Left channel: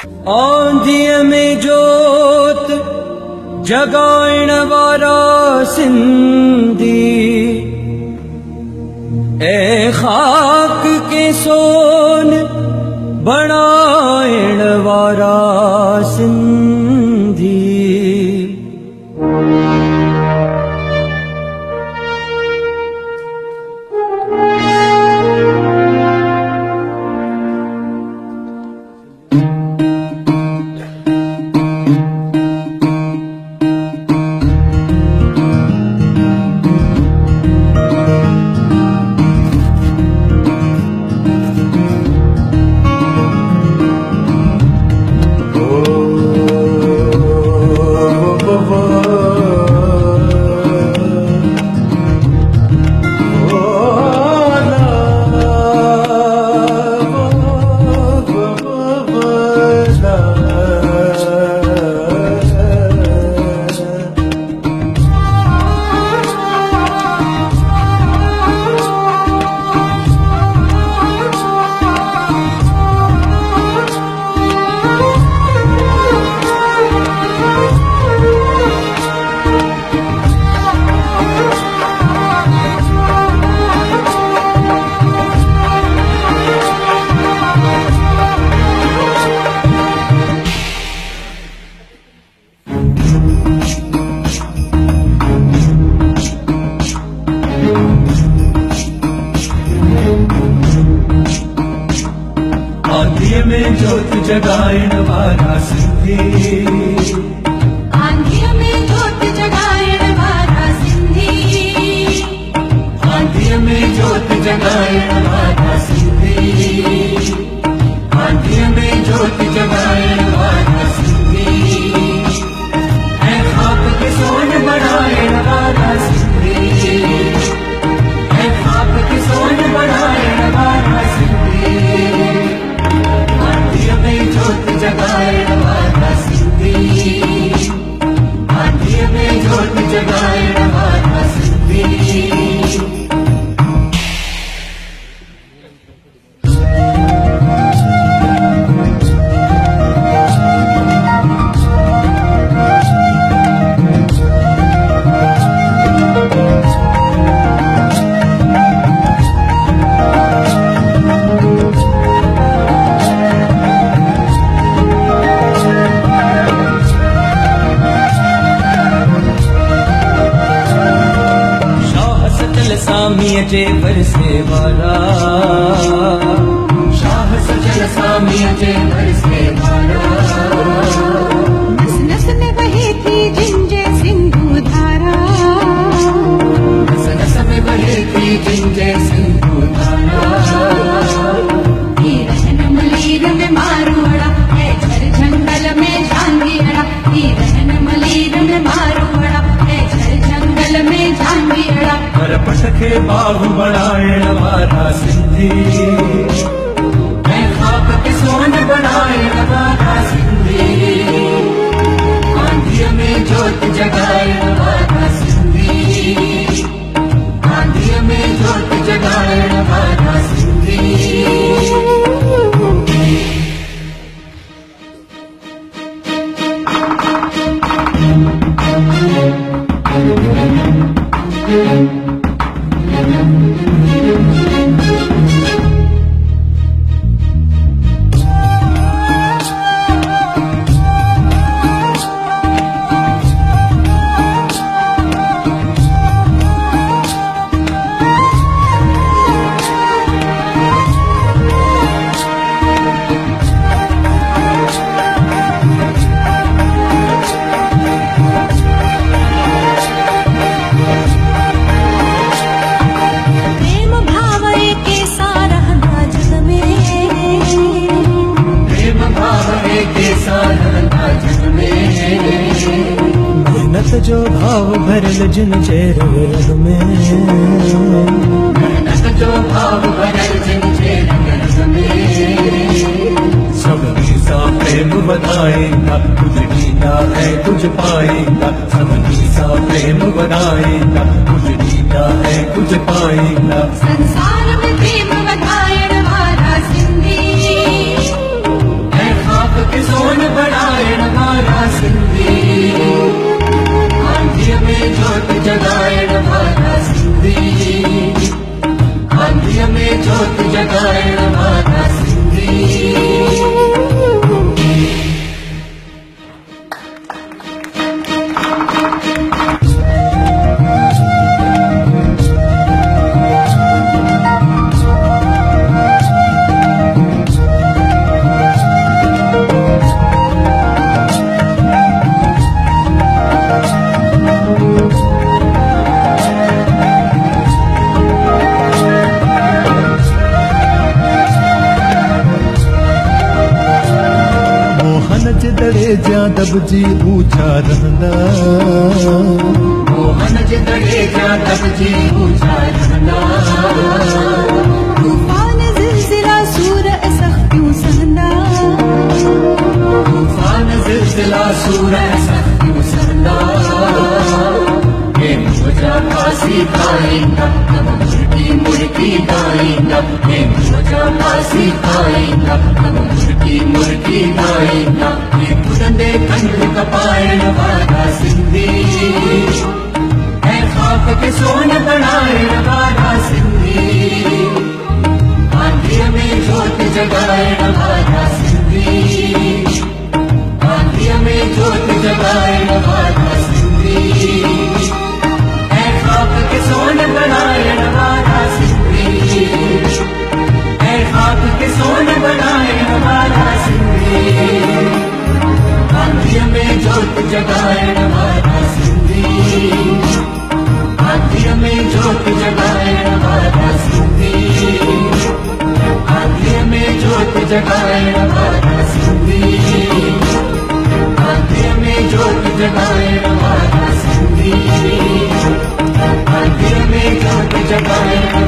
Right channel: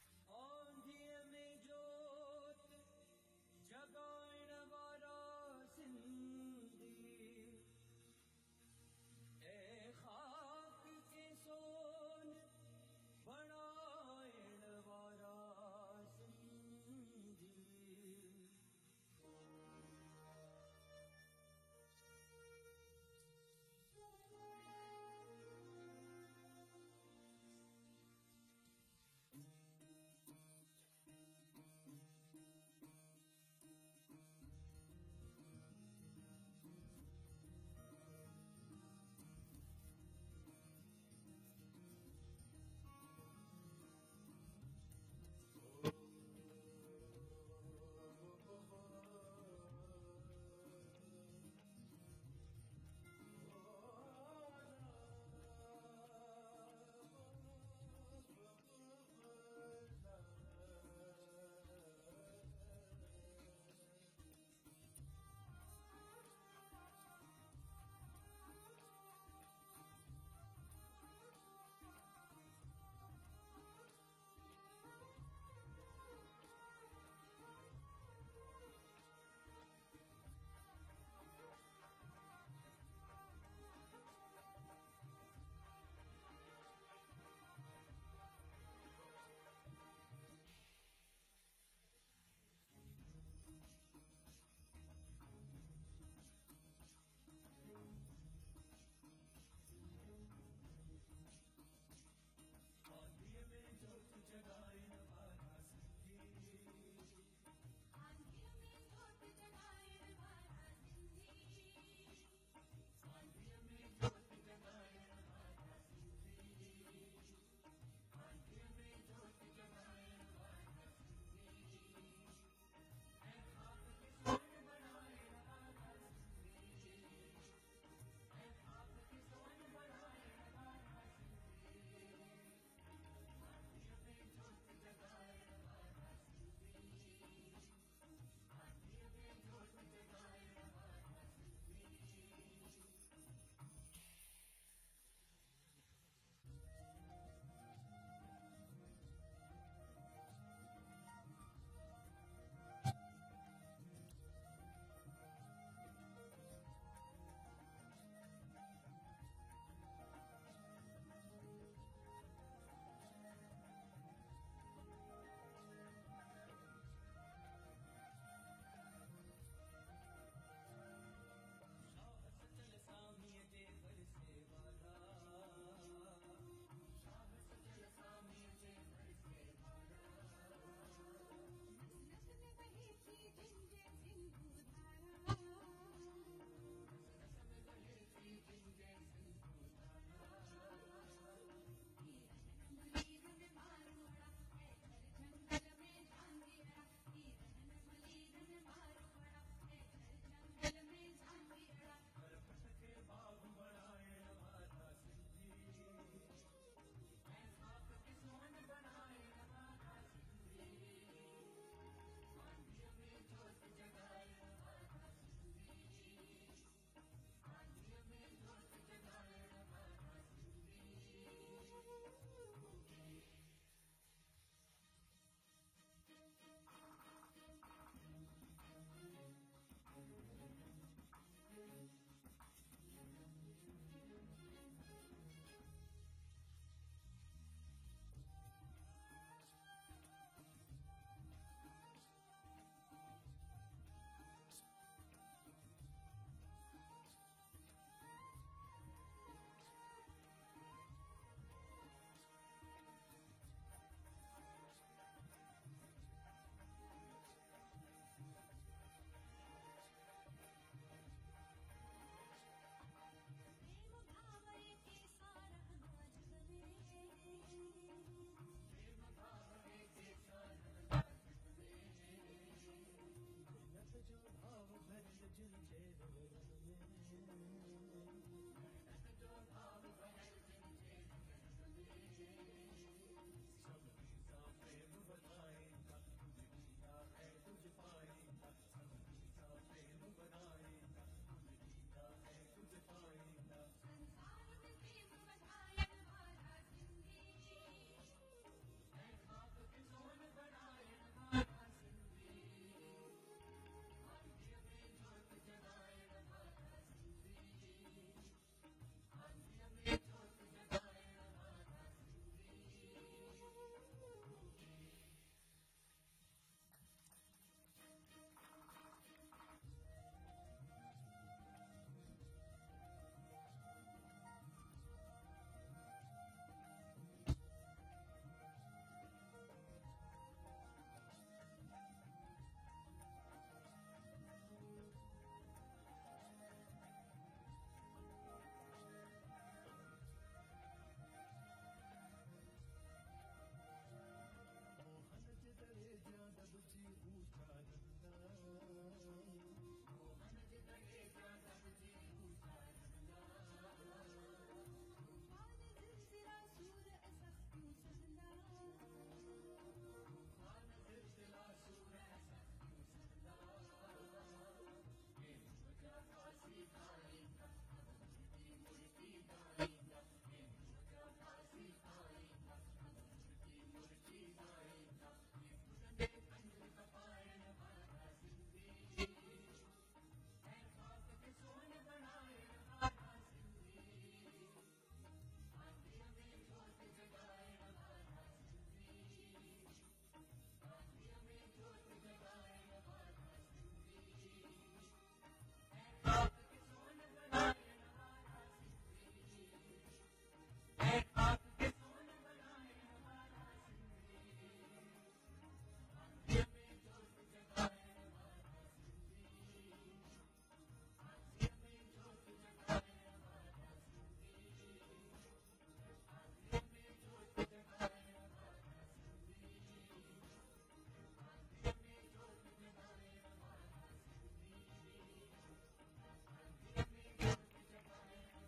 आंधिय में जोत जगाइण वारा सिंधी, ए खाक के सोन बनाइण वारा सिंधी। आंधिय में जोत जगाइण वारा सिंधी, आंधिय में जोत जगाइण वारा सिंधी, आंधिय में जोत जगाइण वारा सिंधी, आंधिय में जोत जगाइण वारा सिंधी, ऐ खाक के सोन बनाइण वारा सिंधी, ऐ खाक के सोन बनाइण वारा सिंधी। आंधिय में जोत जगाइण वारा सिंधी, आंधिय में जोत जगाइण वारा सिंधी। सामीअ जे बरसे वारा, शाह सजल सामीअ जे बरसे वारा। नस नस में बहे थी जिंजे सिंधु धारा, नस नस में बहे थी जिंजे सिंधु धारा। ये रहन मलीर में मारुड़ा, है झर जंगल में झांगिड़ा, ये रहन मलीर में मारुड़ा, है झर जंगल में झांगिड़ा। पर पटके बाहु बनाइण वारा सिंधी, ऐ खाक के सोन बनाइण वारा सिंधी। आंधिय में जोत जगाइण वारा सिंधी, आंधिय में जोत जगाइण वारा सिंधी। मेहनत जो भाव भरल जिन चेहरे रग में, मेहनत जो भाव भरल जिन चेहरे रग में। सब सा प्रेम बनाएगा, तुझ जीना है तुझ पाएगा। सब सा प्रेम बनाएगा, तुझ जीना है तुझ पाएगा। संसार में प्रेम बताएण वारा सिंधी, है खाक के सोन बनायण वारा सिंधी आंधिय में ज्योत जगायण वारा सिंधी आंधिय में ज्योत जगायण वारा सिंधी दड़े जा दबजी ऊंचा रहंदा मोहन जे दड़े जा दबजी ऊंचा रहंदा तूफान जिलजिला सूर सख्तियूं सहंदा तूफान जिलजिला सूर सख्तियूं सहंदा हे मुझा फांसी खाईंदा तब मुर्गी गाईंदा हे मुझा फांसी खाईंदा तब मुर्गी गाईंदा बुलंदे कंध कपायण वारा सिंधी है खाक के सोन बनायण वारा सिंधी आंधिय में ज्योत जगायण वारा सिंधी आंधिय में ज्योत जगायण वारा सिंधी है खाक के सोन बनायण वारा सिंधी है खाक के सोन बनायण वारा सिंधी आंधिय में ज्योत जगायण वारा सिंधी आंधिय में ज्योत जगायण वारा सिंधी आंधिय में ज्योत जगायण वारा सिंधी आंधिय में ज्योत जगायण वारा सिंधी आंधिय में ज्योत जगायण